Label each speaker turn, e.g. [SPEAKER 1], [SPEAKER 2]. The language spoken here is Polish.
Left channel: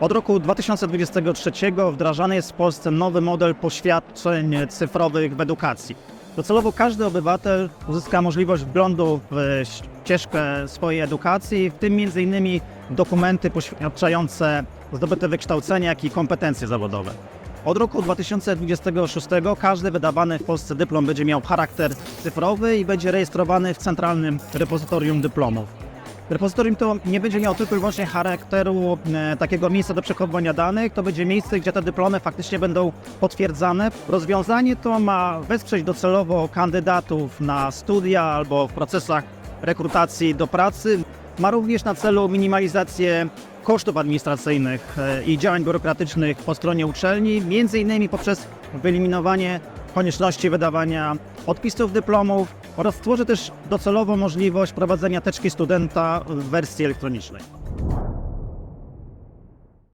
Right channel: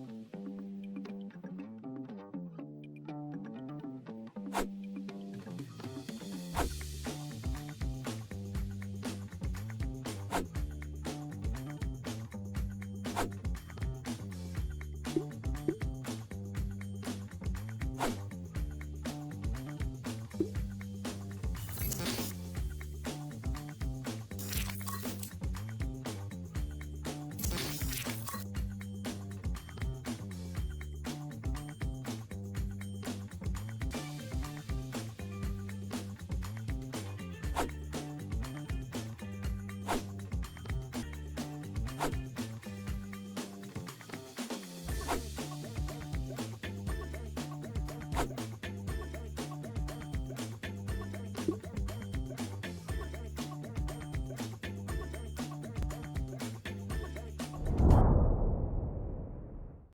[SPEAKER 1] Od roku 2023 wdrażany jest w Polsce nowy model poświadczeń cyfrowych w edukacji. Docelowo każdy obywatel uzyska możliwość wglądu w ścieżkę swojej edukacji, w tym m.in. dokumenty poświadczające zdobyte wykształcenie, jak i kompetencje zawodowe. Od roku 2026 każdy wydawany w Polsce dyplom będzie miał charakter cyfrowy i będzie rejestrowany w Centralnym Repozytorium Dyplomów. Repozytorium to nie będzie miało tylko i wyłącznie charakteru e, takiego miejsca do przechowywania danych, to będzie miejsce, gdzie te dyplomy faktycznie będą potwierdzane. Rozwiązanie to ma wesprzeć docelowo kandydatów na studia albo w procesach rekrutacji do pracy. Ma również na celu minimalizację kosztów administracyjnych e, i działań biurokratycznych po stronie uczelni, między innymi poprzez wyeliminowanie konieczności wydawania podpisów dyplomów oraz stworzy też docelowo możliwość prowadzenia teczki studenta w wersji elektronicznej.